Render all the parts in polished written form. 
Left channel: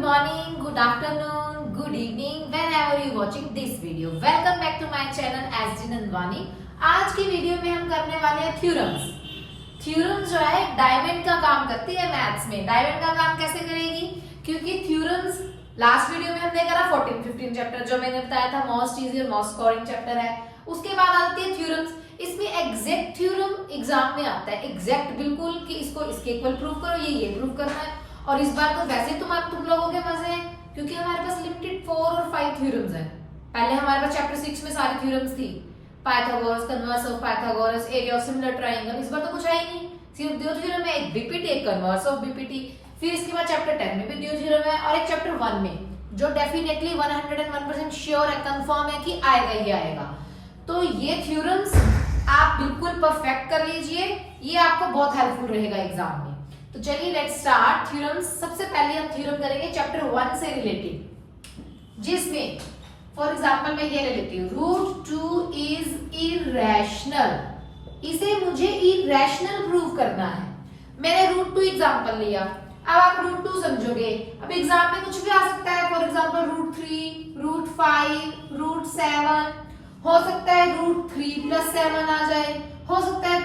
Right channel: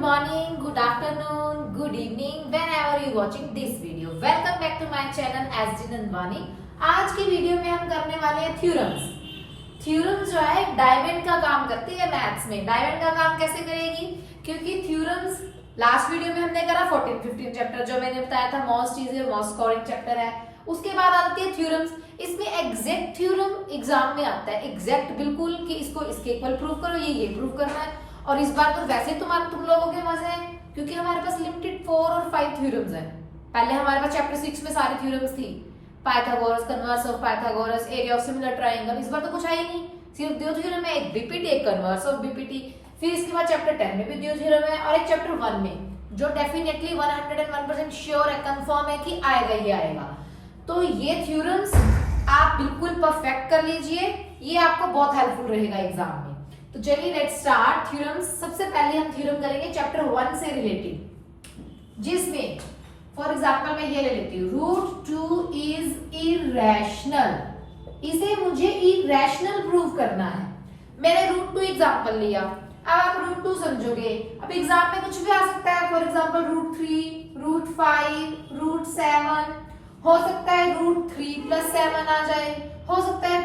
morning, good afternoon, good evening, whenever you watching this video. Welcome back to my channel SG Nandwani. आज की video में हम करने वाले हैं थ्योरम्स। थ्योरम जो है डायमंड का काम करती है मैथ्स में। डायमंड का काम कैसे करेगी? क्योंकि थ्योरम्स लास्ट वीडियो में हमने करा 14-15 चैप्टर, जो मैंने बताया था मोस्ट इजी और मोस्ट स्कोरिंग चैप्टर है। उसके बाद आती है थ्योरम्स। इसमें एग्जैक्ट थ्योरम एग्जाम में आता है, एग्जैक्ट बिल्कुल कि इसको इसके इक्वल प्रूव करो, ये प्रूव करना है। और इस बार तो वैसे तुम लोगों के मजे हैं क्योंकि हमारे पास लिमिटेड 4 और 5 थ्योरम्स हैं। पहले हमारे पास चैप्टर 6 में सारी थ्योरम्स थी, Pythagoras, converse of Pythagoras, area of similar triangle. इस बार तो कुछ है ही नहीं, सिर्फ दो थ्योरम है, एक बीपीटी, एक कन्वर्स ऑफ बीपीटी। फिर इसके बाद चैप्टर 10 में भी दो थ्योरम है और एक चैप्टर 1 में, जो डेफिनेटली 101% श्योर है, कंफर्म है कि आएगा ही आएगा। तो ये थ्योरम्स आप बिल्कुल परफेक्ट कर लीजिए, ये आपको बहुत हेल्पफुल रहेगा एग्जाम में। तो चलिए लेट्स स्टार्ट थ्योरम्स। सबसे पहले हम थ्योरम करेंगे चैप्टर 1 से रिलेटेड, जिसमें फॉर एग्जांपल मैं ये ले लेती हूँ, रूट 2 इज इरेशनल। इसे मुझे इरेशनल प्रूव करना है। मैंने रूट 2 एग्जांपल लिया, अब आप रूट 2 समझोगे। अब एग्जाम में कुछ भी आ सकता है, for example root 3, root 5, root 7, हो सकता है रूट 3 + 7 आ जाए, हो सकता है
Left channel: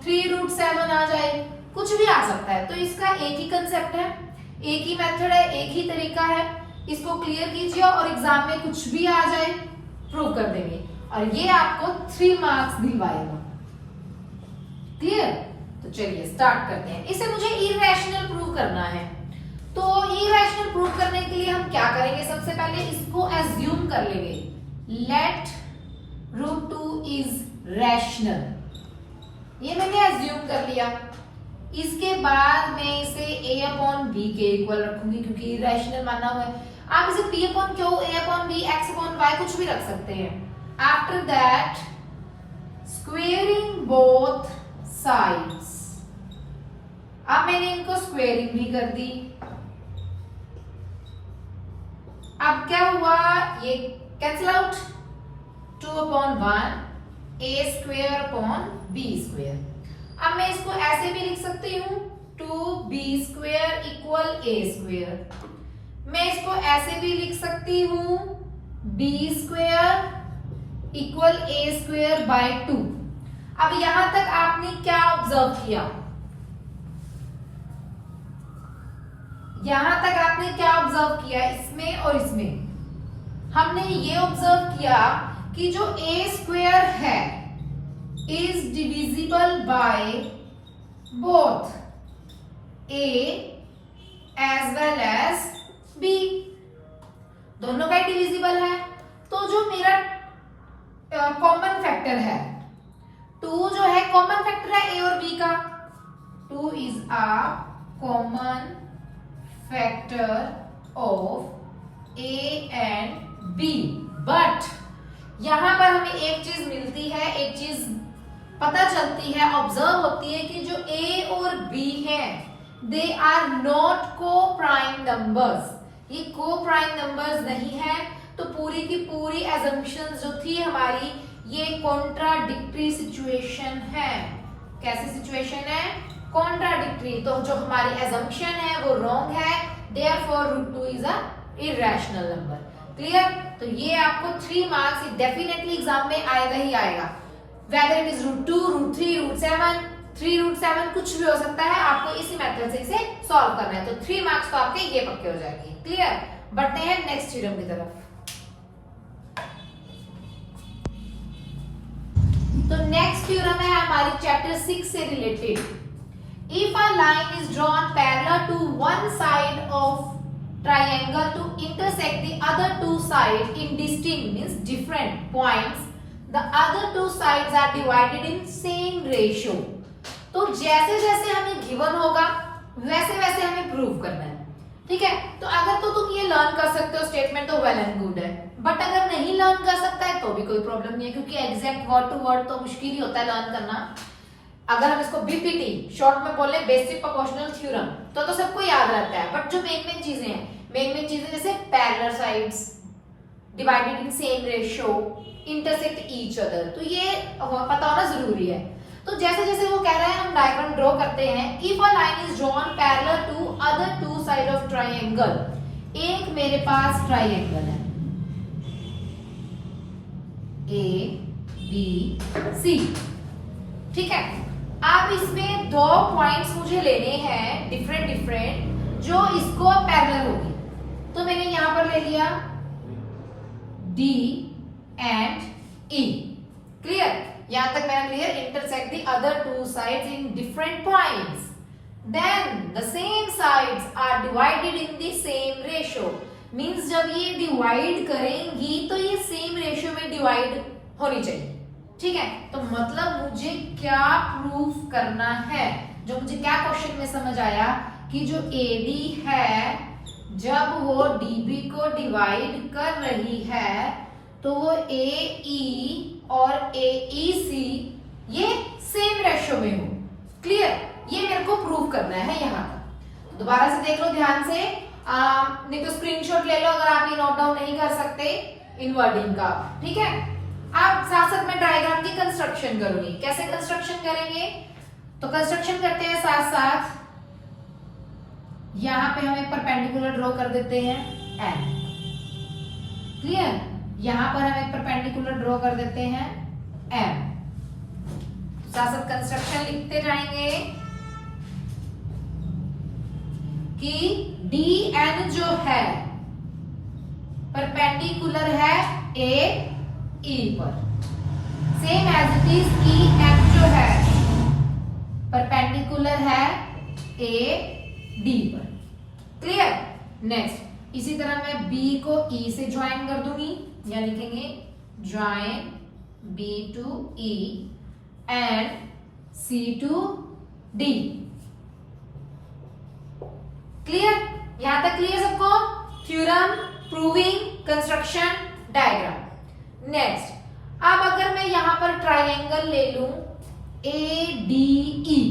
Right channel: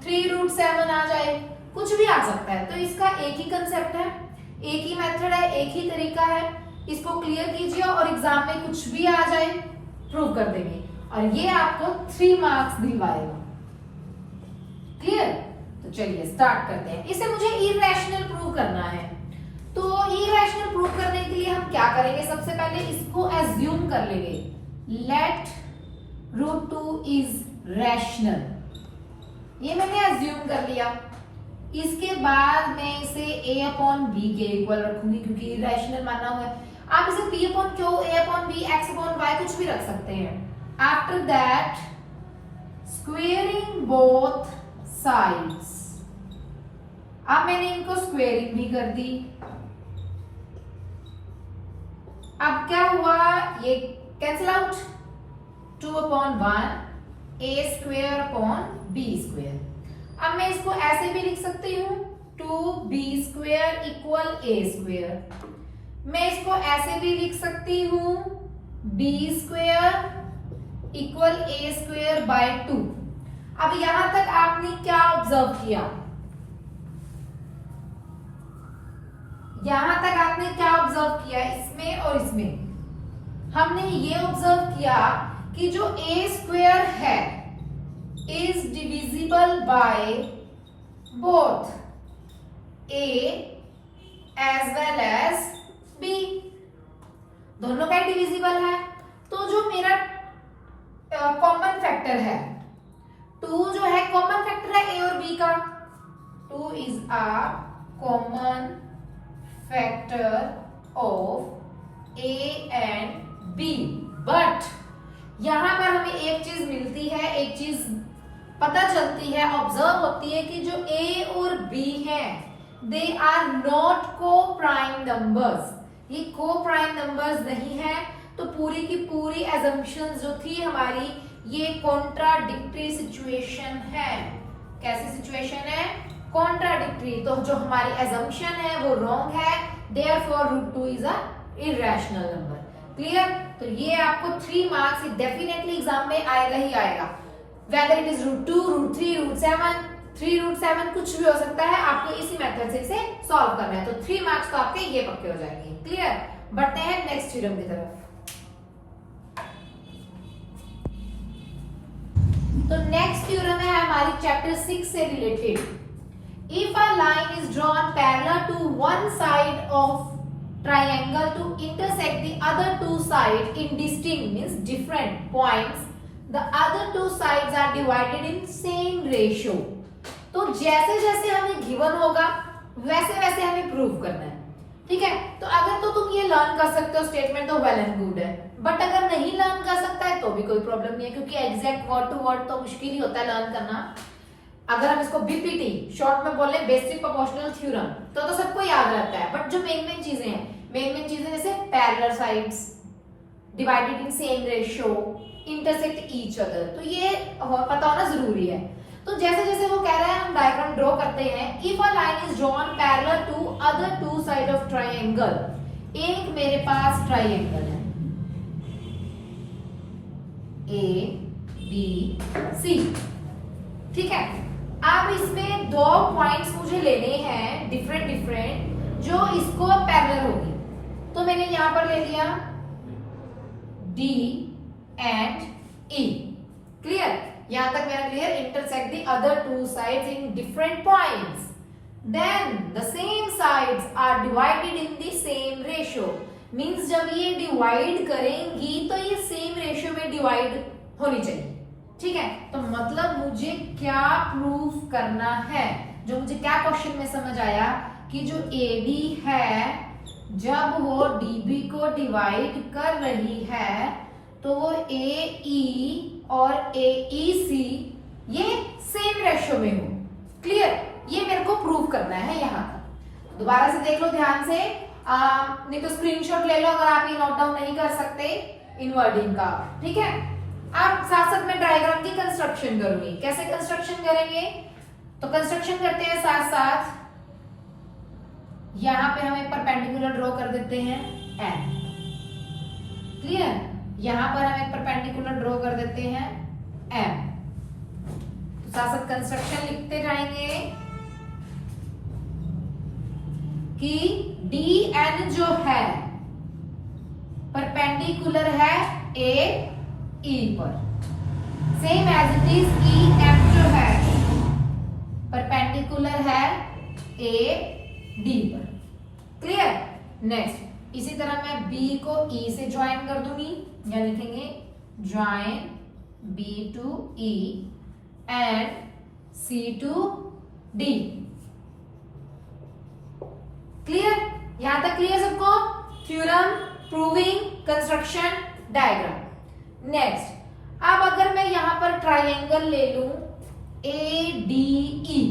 3 रूट 7 आ जाए, कुछ भी आ सकता है। तो इसका एक ही कंसेप्ट है, एक ही मेथड है, एक ही तरीका है। इसको क्लियर कीजिए और एग्जाम में कुछ भी आ जाए प्रूव कर देंगे और ये आपको 3 मार्क्स दिलवाएगा। क्लियर? तो चलिए स्टार्ट करते हैं। इसे मुझे इरेशनल प्रूव करना है। तो इरेशनल प्रूव करने के लिए हम क्या करेंगे? सबसे पहले इसको एज्यूम कर लेंगे, लेट रूट 2 इज रैशनल। ये मैंने एज्यूम कर लिया। इसके बाद मैं इसे a/b के इक्वल रखूंगी क्योंकि रैशनल माना हुआ है। आप इसे p/q, a/b, x/y कुछ भी रख सकते हैं। After that squaring both sides. अब मैंने इनको स्क्वेयरिंग भी कर दी। अब क्या हुआ? ये कैंसिल आउट, 2/1 a² / b²। अब मैं इसको ऐसे भी लिख सकती हूँ 2b² = a²। मैं इसको ऐसे भी लिख सकती हूँ b² = a²/2। अब यहां तक आपने क्या ऑब्जर्व किया? यहां तक आपने क्या ऑब्जर्व किया? इसमें और इसमें हमने ये ऑब्जर्व किया कि जो a² है is divisible by both a as well as b। दोनों का डिविजिबल है। तो जो मेरा कॉमन फैक्टर है 2, जो है कॉमन फैक्टर है a और b का। 2 is a common factor of a and b। But यहां पर हमें एक चीज मिलती है, एक चीज पता चलती है, ऑब्जर्व होती है कि जो a और b है दे आर नॉट को प्राइम नंबर्स। ये को प्राइम नंबर्स नहीं है। तो पूरी की पूरी एजम्पशंस जो थी हमारी, ये कॉन्ट्राडिक्टरी सिचुएशन है। कैसी सिचुएशन है? कॉन्ट्राडिक्टरी। तो जो हमारी एजम्पशन है वो रॉन्ग है, therefore root 2 is a irrational number. Clear? तो ये आपको 3 मार्क्स डेफिनेटली एग्जाम में आएगा ही आएगा, whether it is root 2, root 3, root 7, 3 root 7 कुछ भी हो सकता है। आपको इसी मेथड से इसे सॉल्व करना है। तो 3 मार्क्स तो आपके ये पक्के हो जाएंगे। क्लियर? बढ़ते हैं नेक्स्ट थ्योरम की तरफ। तो नेक्स्ट थ्योरम है हमारी चैप्टर 6 से related. If a line is drawn parallel to one side of triangle to intersect the other two sides in distinct means different points, the other two sides are divided in same ratio। तो जैसे जैसे हमें given होगा वैसे वैसे हमें prove करना है। ठीक है? तो अगर तो तुम ये लर्न कर सकते हो स्टेटमेंट तो वेल एंड गुड है, बट अगर नहीं लर्न कर सकता है तो भी कोई प्रॉब्लम नहीं है, क्योंकि एग्जैक्ट वर्ड टू वर्ड तो मुश्किल ही होता है लर्न करना। अगर हम इसको बीपीटी शॉर्ट में बोले, बेसिक प्रोपोर्शनल थ्योरम, तो सबको याद रहता है। बट जो मेन चीजें हैं, मेन चीजें जैसे parallel sides, divided in same ratio, intersect each other, तो ये पता होना जरूरी है। तो जैसे जैसे वो कह रहा है हम डायग्राम ड्रॉ करते हैं। If a line is drawn parallel to other two side of triangle, एक मेरे पास ट्राइंगल है ए बी सी, ठीक है। अब इसमें दो पॉइंट्स मुझे लेने हैं डिफरेंट डिफरेंट जो इसको पैरेलल होगी। तो मैंने यहां पर ले लिया D and E, क्लियर, यहां तक मेरा clear. Intersect the other two sides in different points, then the same sides are divided in the same ratio. Means जब ये डिवाइड करेंगी तो ये सेम रेशियो में डिवाइड होनी चाहिए, ठीक है। तो मतलब मुझे क्या प्रूफ करना है, जो मुझे क्या क्वेश्चन में समझ आया कि जो AD है जब वो DB को डिवाइड कर रही है तो वो AE और AEC ये सेम रेशियो में हो, क्लियर। ये मेरे को प्रूव करना है यहाँ तक। दोबारा से देख लो ध्यान से, नहीं तो स्क्रीनशॉट ले लो अगर आप ये नोट डाउन नहीं कर सकते इन वर्डिंग का, ठीक है। आप साथ साथ में डायग्राम की कंस्ट्रक्शन करूंगी। कैसे कंस्ट्रक्शन करेंगे, तो कंस्ट्रक्शन करते हैं साथ साथ। यहां पे हम एक परपेंडिकुलर ड्रॉ कर देते हैं N, क्लियर। यहां पर हम एक परपेंडिकुलर ड्रॉ कर देते हैं M। तो साथ साथ कंस्ट्रक्शन लिखते जाएंगे कि DN जो है परपेंडिकुलर है AE पर, same as it is EM जो है परपेंडिकुलर है AD पर, क्लियर। नेक्स्ट इसी तरह मैं B को E से ज्वाइन कर दूंगी, या लिखेंगे join B to E and C to D, clear. यहां तक क्लियर सबको, theorem, proving, construction, diagram. Next अब अगर मैं यहां पर ट्राइंगल ले लूं ADE,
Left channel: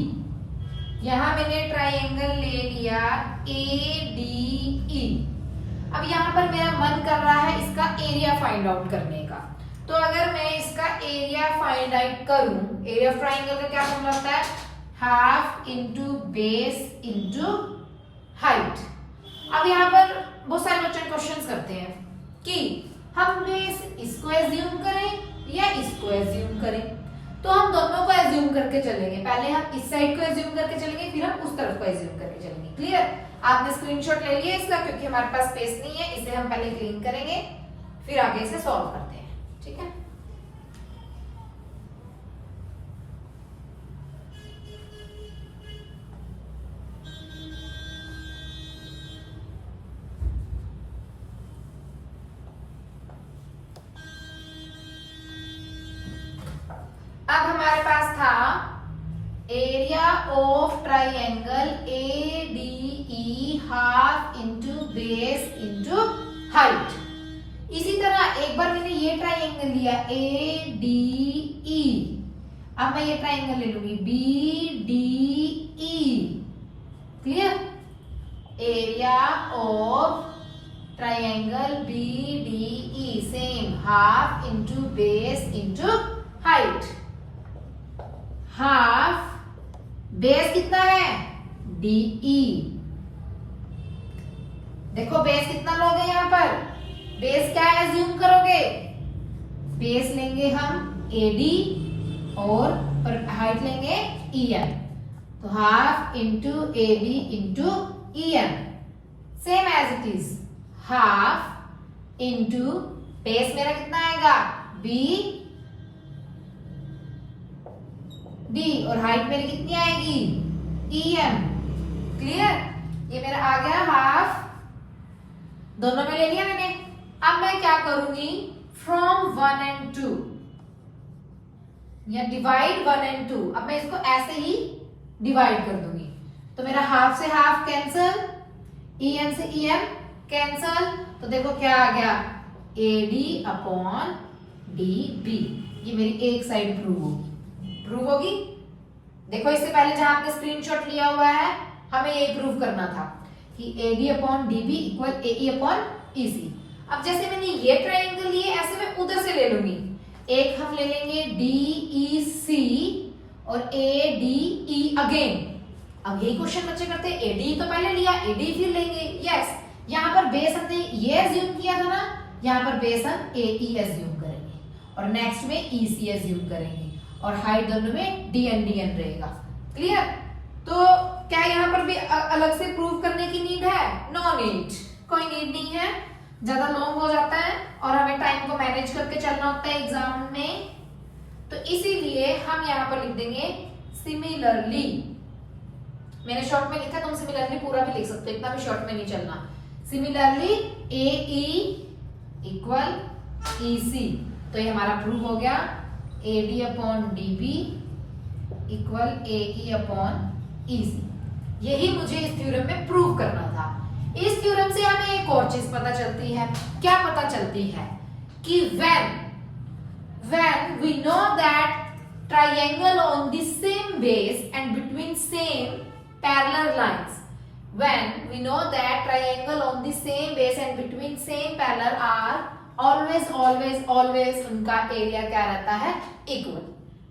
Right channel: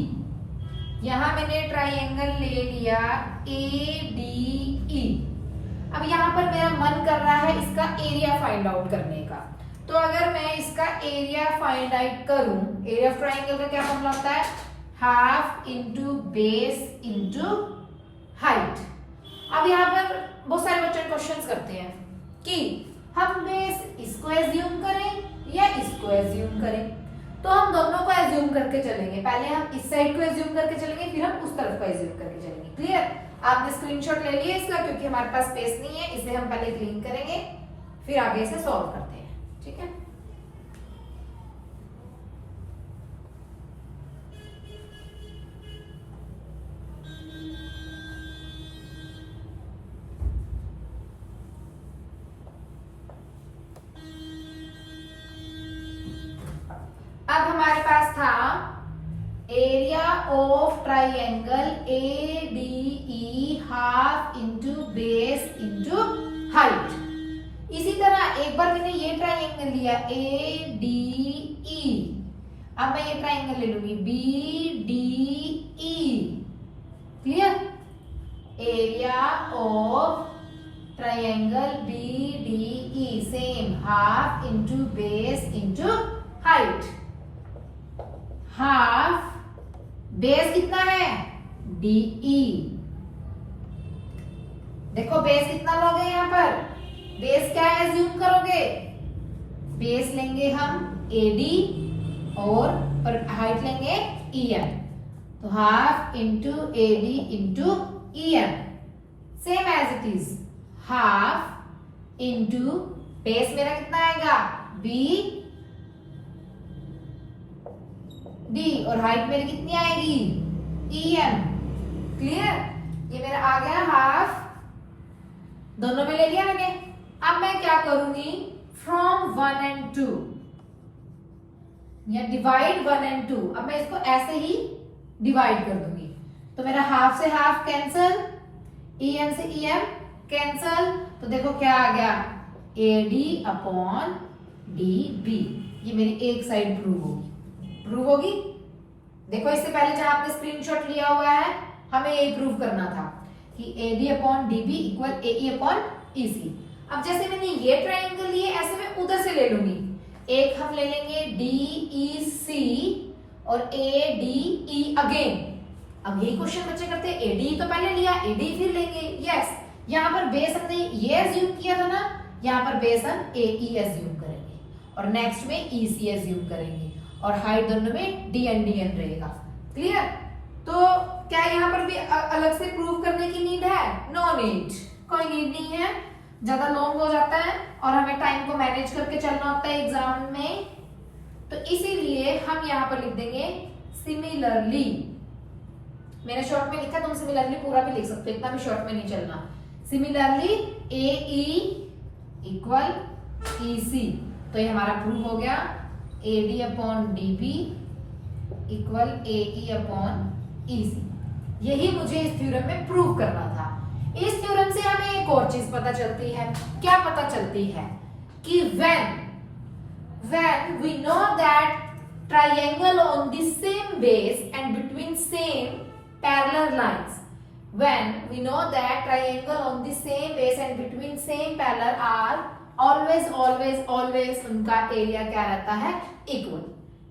यहां मैंने ट्राइंगल ले लिया ADE। अब यहां पर मेरा मन कर रहा है इसका एरिया फाइंड आउट करने का। तो अगर मैं इसका एरिया फाइंड आउट करूं, एरिया ऑफ ट्राइंगल का क्या फॉर्मूला होता है, half into base into height. अब यहां पर बहुत सारे बच्चे क्वेश्चंस करते हैं कि हम बेस इसको एज्यूम करें या इसको एज्यूम करें। तो हम दोनों को एज्यूम करके चलेंगे, पहले हम इस साइड को एज्यूम करके चलेंगे, फिर हम उस तरफ को एज्यूम करके चलेंगे, क्लियर। आपने स्क्रीनशॉट ले लिया इसका, क्योंकि हमारे पास स्पेस नहीं है, इसे हम पहले क्लीन करेंगे फिर आगे इसे सॉल्व करते हैं, ठीक है। अब हमारे पास था area of triangle ADE half into base into height. इसी तरह एक बार मैंने ये ट्राइंगल लिया ADE, अब मैं ये ट्राइंगल ले लूंगी BDE, clear. Area of triangle BDE same, half into base into height. Half base कितना है DE, देखो बेस कितना लोगे यहां पर, बेस क्या एज्यूम करोगे, बेस लेंगे हम AD और हाइट लेंगे EM। तो half into AD into EM, same as it is, half into base मेरा कितना आएगा BD और हाइट मेरी कितनी आएगी EM, क्लियर। ये मेरा आ गया हाफ, दोनों में ले लिया मैंने। अब मैं क्या करूंगी, फ्रॉम 1 and 2 या डिवाइड 1 and 2, अब मैं इसको ऐसे ही डिवाइड कर दूंगी। तो मेरा हाफ से हाफ कैंसल, EM से EM कैंसल, तो देखो क्या आ गया AD अपॉन DB। ये मेरी एक साइड प्रूव होगी। देखो इससे पहले जहां आपने स्क्रीनशॉट लिया हुआ है हमें ये प्रूव करना था कि AD upon DB equal AE upon EC। अब जैसे मैंने ये ट्राइंगल लिए, ऐसे मैं उधर से ले लूंगी। एक हम ले लेंगे DEC और ADE अगेन। अब यही क्वेश्चन बच्चे करते हैं, ADE तो पहले लिया, ADE फिर लेंगे। यस, यहाँ पर बेस हमने ये एज्यूम किया था ना, यहाँ पर बेस हम AE एज्यूम करेंगे और नेक्स्ट में EC एज्यूम करेंगे और हाइट दोनों में DN रहेगा। क्लियर? तो क्या यहाँ पर भी अलग से प्रूव करने की नीड है? नो नीड, कोई नीड नहीं है, ज्यादा लॉन्ग हो जाता है और हमें टाइम को मैनेज करके चलना होता है एग्जाम में, तो इसीलिए हम यहाँ पर लिख देंगे सिमिलरली। मैंने शॉर्ट में लिखा, तुम सिमिलरली पूरा भी लिख सकते हो, इतना भी शॉर्ट में नहीं चलना। सिमिलरली AE इक्वल EC, तो ये हमारा प्रूव हो गया AD upon DB equal AE upon EC। यही मुझे इस थ्योरम में प्रूव करना था। इस थ्योरम से हमें एक और चीज पता चलती है। क्या पता चलती है? कि when we know that triangle on the same base and between same parallel lines, when we know that triangle on the same base and between same parallel are always उनका एरिया क्या रहता है? इक्वल।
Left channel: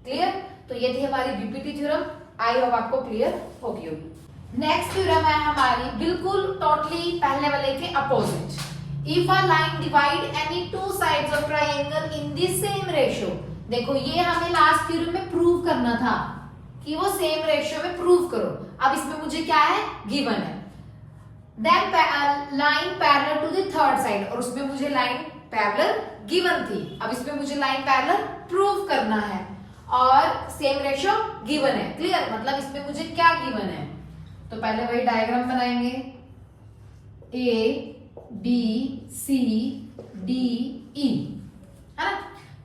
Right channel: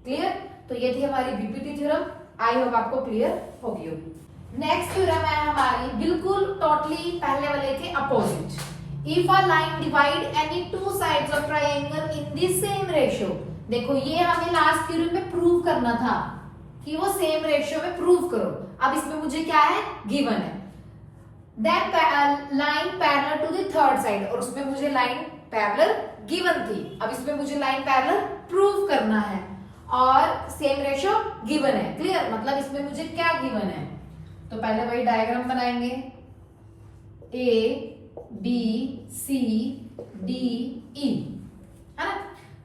क्लियर? तो ये थी हमारी BPT theorem, I hope आपको clear होगी। नेक्स्ट थ्योरम है हमारी बिल्कुल टोटली पहले वाले के opposite. If a line divide any two sides of triangle in the same ratio. देखो ये हमें लास्ट थ्योरम में प्रूव करना था कि वो सेम रेशियो में प्रूव करो। अब इसमें मुझे क्या है? गिवन है that line parallel to the third side, और उसमें मुझे लाइन पैरेलल गिवन थी। अब इसमें मुझे लाइन पैरेलल प्रूव करना है और सेम रेशियो गिवन है। क्लियर? मतलब इसमें मुझे क्या गिवन है? तो पहले वही डायग्राम बनाएंगे, ADCDE है ना।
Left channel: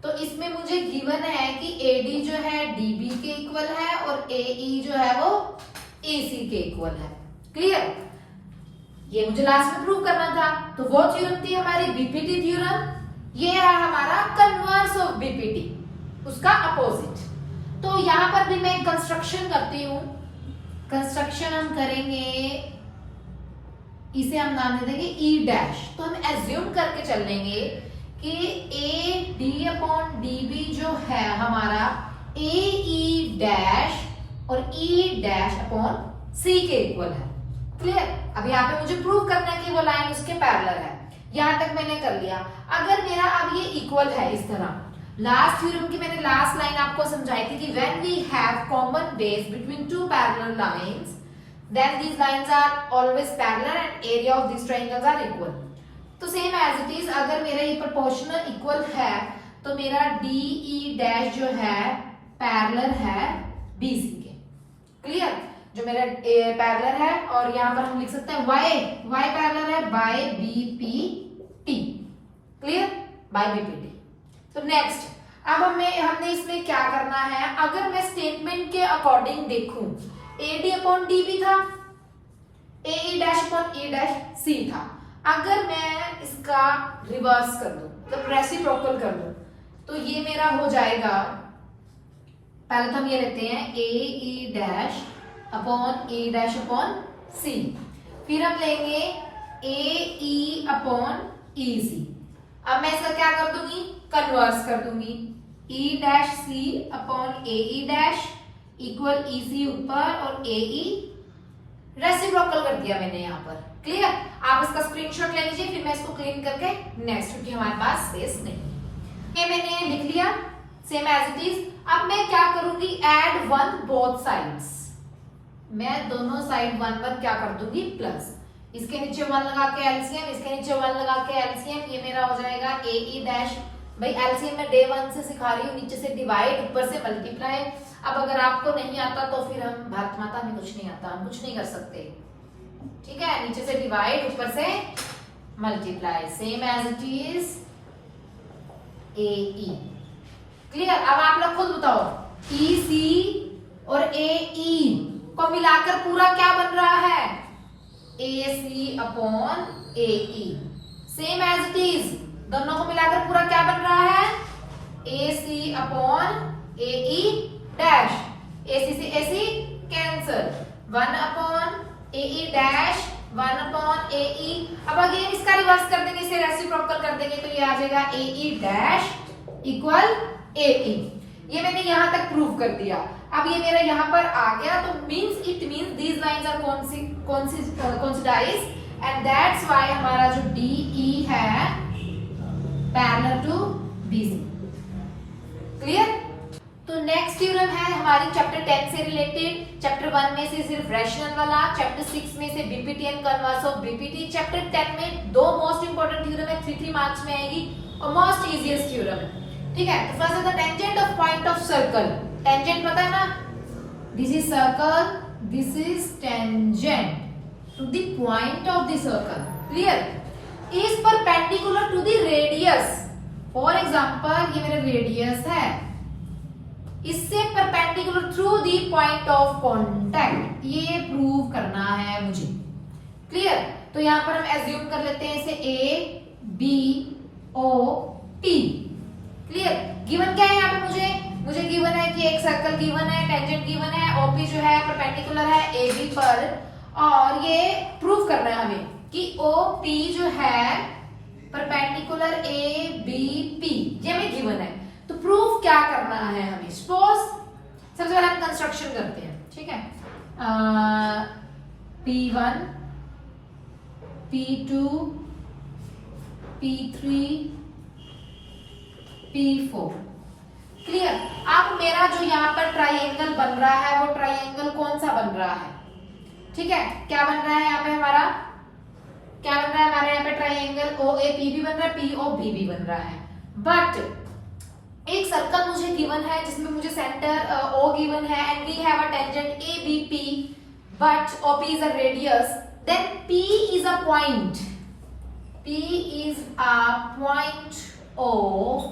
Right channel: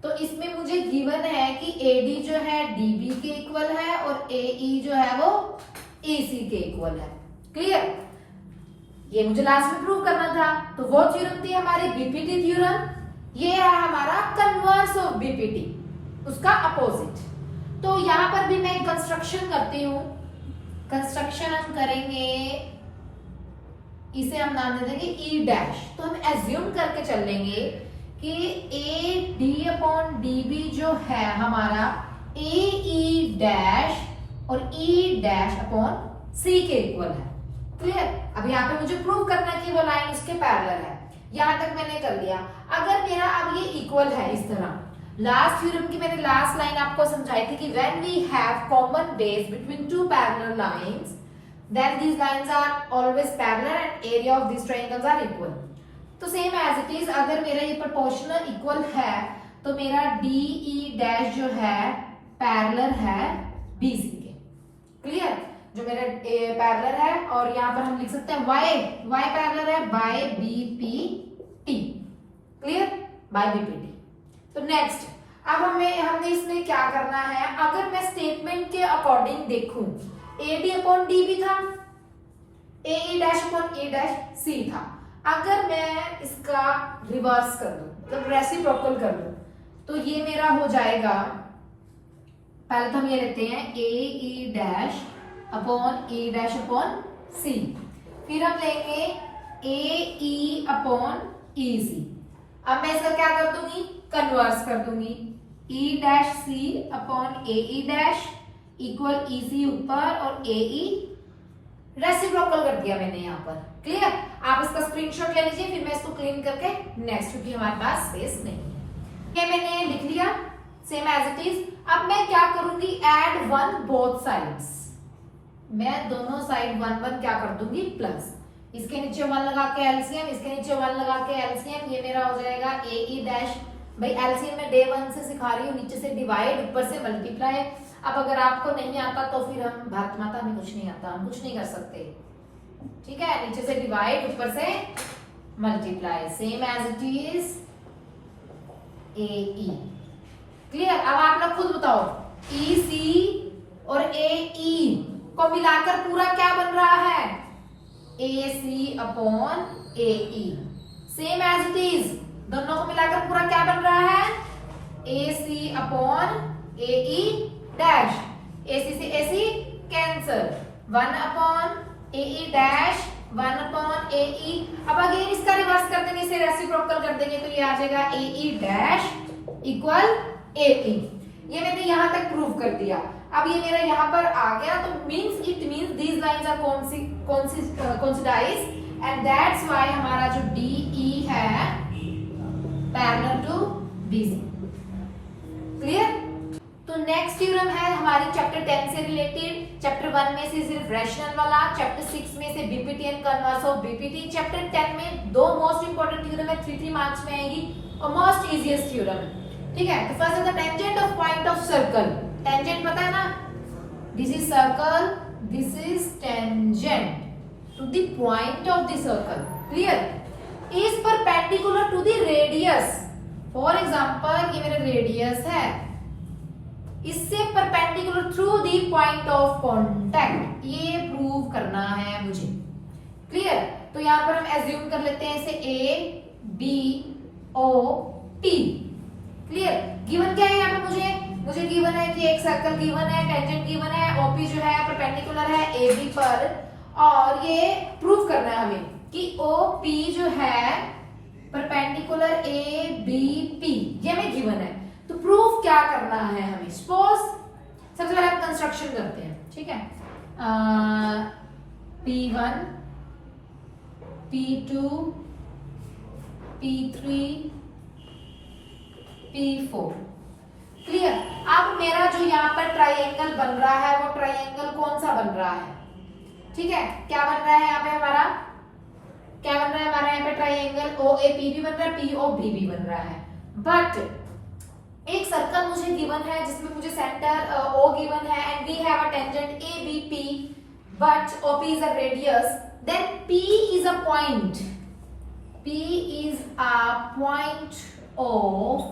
तो इसमें मुझे गिवन है कि AD जो है DB के इक्वल है और AE जो है वो EC के इक्वल है। क्लियर? ये मुझे लास्ट में प्रूव करना था। तो वो थ्योरम थी हमारी बीपीटी थ्योरम। ये है हमारा कन्वर्स ऑफ बीपीटी, उसका अपोजिट। तो यहां पर भी मैं कंस्ट्रक्शन करती हूं। कंस्ट्रक्शन हम करेंगे, इसे हम नाम दे देंगे E डैश। तो हम एज्यूम करके चलेंगे कि AD अपॉन DB जो है हमारा AE डैश और E डैश अपॉन C के इक्वल है। क्लियर? अब यहाँ पे मुझे प्रूव करना है कि वो लाइन उसके पैरेलल है। यहां तक मैंने कर लिया। अगर मेरा अब ये इक्वल है इस तरह, लास्ट थ्योरम की मैंने लास्ट लाइन आपको समझाई थी कि when we have common base between two parallel lines then these lines are always parallel and area of this triangles are equal. तो सेम एज इट इज, अगर मेरा ये प्रोपोर्शनल इक्वल है तो मेरा DE डैश जो है पैरेलल है BC के। क्लियर? जो मेरा पैरेलल है, और यहाँ पर हम लिख सकते हैं y पैरेलल है by BPT। Clear? By BPT। तो नेक्स्ट, अब हमने इसमें क्या करना है? अगर मैं स्टेटमेंट के अकॉर्डिंग देखूं, AD अपॉन DB था, AE dash upon E dash C था। अगर मैं इसका रिवर्स कर दूं, मतलब रेसिप्रोकल कर दूं, तो ये मेरा हो जाएगा, पहले तो हम ये लेते हैं AE dash upon E dash upon C, फिर हम लेंगे AE अपॉन EC। अब मैं इसका क्या कर दूंगी? कन्वर्स कर दूंगी। E dash C upon AE dash equal EC ऊपर और AE रेसिप्रोकल कर दिया मैंने यहाँ पर। क्लियर? आप इसका स्क्रीनशॉट ले लीजिए, फिर मैं इसको क्लीन करके नेक्स्ट, क्योंकि हमारे पास स्पेस नहीं। ये मैंने लिख लिया सेम एज इट इज। अब मैं क्या करूंगी? Add 1 both sides. मैं दोनों साइड 1 1 क्या कर दूंगी? प्लस। इसके नीचे 1 लगा के एलसीएम, इसके नीचे 1 लगा के एलसीएम, ये मेरा हो जाएगा AE डैश। भाई एलसीएम में डे 1 से सिखा रही हूँ, नीचे से डिवाइड, ऊपर से मल्टीप्लाई। अब अगर आपको नहीं आता तो फिर हम भारत माता में कुछ नहीं आता, हम कुछ नहीं कर सकते। ठीक है? नीचे से डिवाइड, ऊपर से multiply, same as it is AE। क्लियर? अब आप लोग खुद बताओ, EC और AE को मिलाकर पूरा क्या बन रहा है? AC upon AE। Same as it is, दोनों को मिलाकर पूरा क्या बन रहा है? AC upon AE dash. AC से AC cancel, 1 upon AE dash, 1 upon AE। अब अगेन इसका रिवर्स कर देंगे, इसे रेसिप्रोकल कर देंगे, तो ये आ जाएगा AE डैश इक्वल AE। ये मैंने यहां तक प्रूव कर दिया। अब ये मेरा यहाँ पर आ गया, तो it means these lines are coincides and that's why हमारा जो DE है पैरेलल टू BC। क्लियर? तो नेक्स्ट थ्योरम है हमारी चैप्टर 10 से रिलेटेड। चैप्टर 1 में से सिर्फ रैशनल वाला, चैप्टर 6 में से BPT and converse of BPT. Chapter 10 में दो मोस्ट इंपोर्टेंट थ्योरम है, 3 मार्क्स में आएगी और मोस्ट इजीएस्ट थ्योरम है। ठीक है, तो फर्स्ट है the tangent of point of circle. Tangent पता है ना, this is circle, this is tangent to the point of the circle. Clear? Is perpendicular to the radius. For example ये मेरा रेडियस है, इससे perpendicular through the point of contact, ये prove करना है मुझे। क्लियर? तो यहां पर हम एज्यूम कर लेते हैं इसे A B O T। Clear? Given क्या है यहाँ पे मुझे गिवन है कि एक सर्कल गिवन है, टेंजेंट गिवन है, OP जो है परपेंडिकुलर है AB पर, और ये प्रूव करना है हमें कि OP जो है परपेंडिकुलर ABP, ये हमें गिवन है। तो प्रूफ क्या करना है हमें? सपोज सबसे पहले हम कंस्ट्रक्शन करते हैं। ठीक है, P1 P2 P3 P4। Clear? अब मेरा जो यहाँ पर ट्राइंगल बन रहा है वो ट्राइंगल कौन सा बन रहा है? ठीक है, क्या बन रहा है यहाँ पे हमारा? क्या बन रहा है हमारे यहाँ पे? ट्राइंगल OAP भी बन रहा है, POB भी बन रहा है। बट एक सर्कल मुझे गिवन है जिसमें मुझे सेंटर O गिवन है and we have a tangent ABP but OP is a radius, then P is a point, P is a point of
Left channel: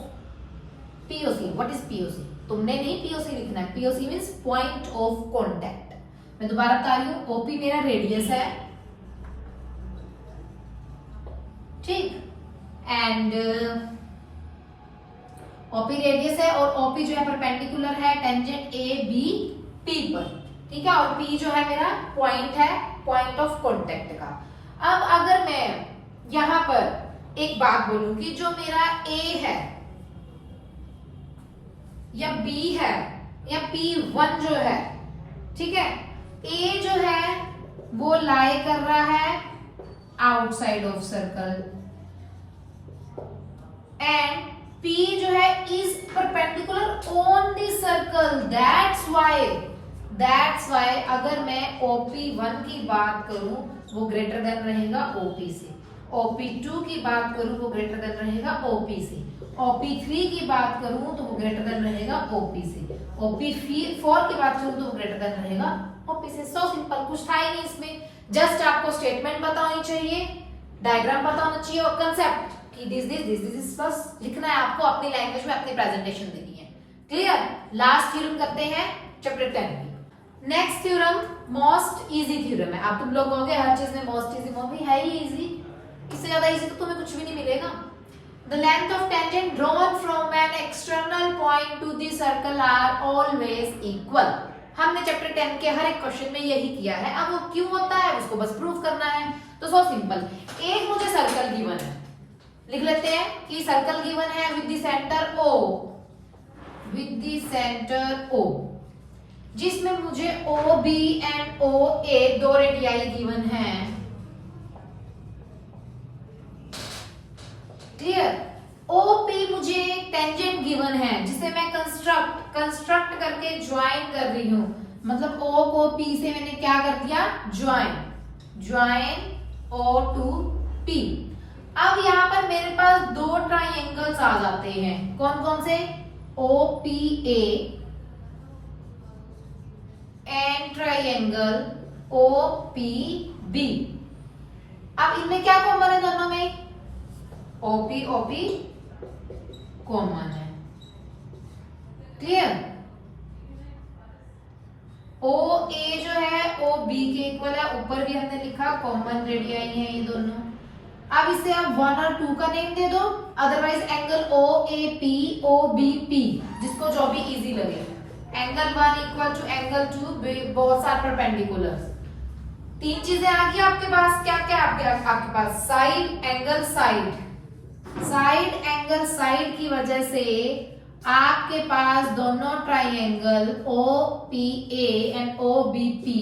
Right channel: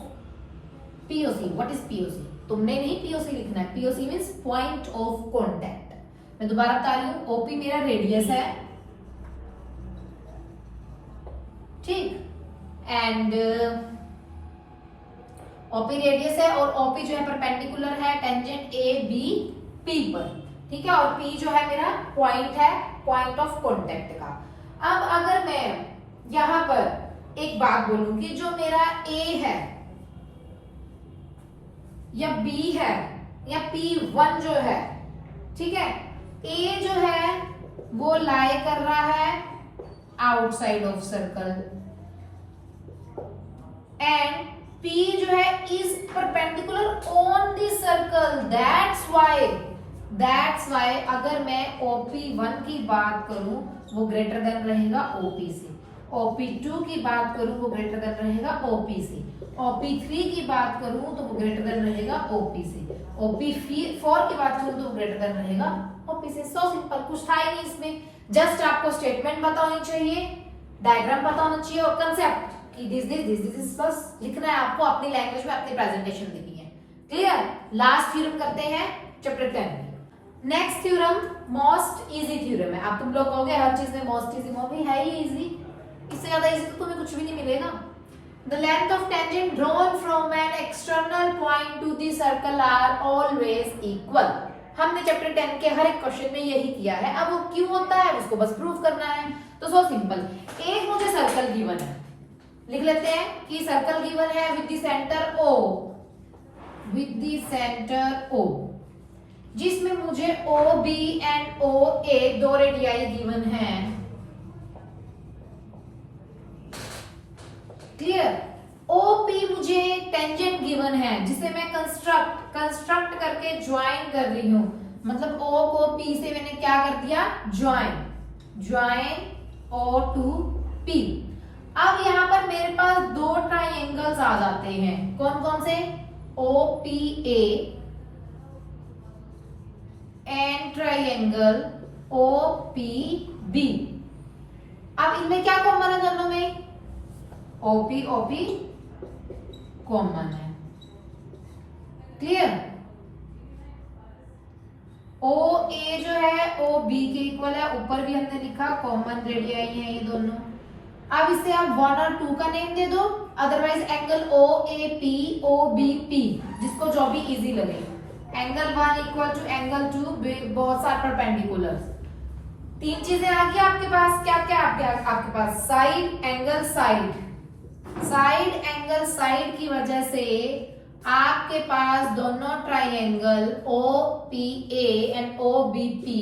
POC। What is POC? तुमने नहीं POC लिखना है, POC means point of contact. मैं दोबारा बता रही हूँ, OP मेरा रेडियस है, ठीक, एंड OP रेडियस है और OP जो है परपेंडिकुलर है टेंजेंट ABP पर। ठीक है, और P जो है मेरा पॉइंट है, पॉइंट ऑफ कांटेक्ट का। अब अगर मैं यहां पर एक बात बोलूं कि जो मेरा A है या B है या P1 जो है, ठीक है, A जो है वो लाई कर रहा है outside of circle and P जो है is perpendicular on the circle. That's why अगर मैं OP1 की बात करूं वो ग्रेटर देन रहेगा OP से, OP2 की बात करूं वो ग्रेटर देन रहेगा OP से, OP3 की बात करूं तो वो ग्रेटर देन रहेगा OP से, OP4 की बात करूं तो वो ग्रेटर देन रहेगा OP से। सो सिंपल, कुछ था ही नहीं इसमें, जस्ट आपको स्टेटमेंट पता होनी चाहिए, डायग्राम पता होना चाहिए और कंसेप्ट कि दिस बस लिखना है आपको अपनी लैंग्वेज में, अपनी प्रेजेंटेशन देनी है। क्लियर? लास्ट थ्योरम करते हैं चैप्टर 10 में। Next theorem most easy theorem है। आप तुम लोग कहोगे हर चीज में मोस्ट इजी, मॉमी है ही इजी, इससे ज्यादा इजी तो तुम्हें कुछ भी नहीं मिलेगा। The length of tangent drawn from an external point to the circle are always equal. हमने चैप्टर 10 के हर एक क्वेश्चन में यही किया है। अब वो क्यों होता है उसको बस प्रूव करना है। तो सो सिंपल, एक मुझे सर्कल गिवन है, लिख लेते हैं कि सर्कल गिवन है with the centre O, with the centre O, जिसमें मुझे OB एंड OA दो रेडियाई गिवन है। क्लियर? OP मुझे टेंजेंट गिवन है जिसे मैं कंस्ट्रक्ट करके ज्वाइन कर रही हूं, मतलब O को P से मैंने क्या कर दिया? Join O to P। अब यहां पर मेरे पास दो ट्राइंगल्स आ जाते हैं, कौन कौन से? OPA and triangle OPB। अब इनमें क्या कॉमन है दोनों में? OP कॉमन है। क्लियर? OA जो है OB के इक्वल है, ऊपर भी हमने लिखा कॉमन रेडियाई है ये दोनों। अब इसे आप 1 और 2 का नेम दे दो, अदरवाइज एंगल OAP OBP जिसको जो भी इजी लगे। एंगल 1 इक्वल टू एंगल 2, बहुत सारे परपेंडिकुलर। तीन चीजें आ गई आपके पास, क्या क्या आपके पास? साइड एंगल साइड की वजह से आपके पास दोनों triangle OPA and OBP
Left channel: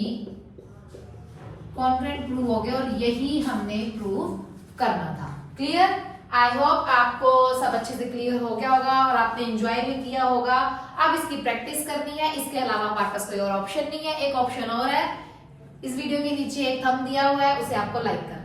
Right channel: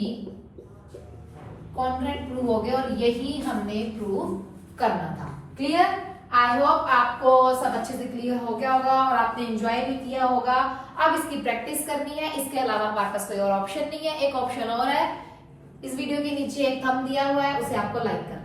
congruent prove हो गए और यही हमने प्रूव करना था। क्लियर? आई होप आपको सब अच्छे से क्लियर हो गया होगा और आपने एंजॉय भी किया होगा। अब इसकी प्रैक्टिस करनी है, इसके अलावा हमारे पास कोई और ऑप्शन नहीं है। एक ऑप्शन और है, इस वीडियो के नीचे एक थंब दिया हुआ है, उसे आपको लाइक करना है।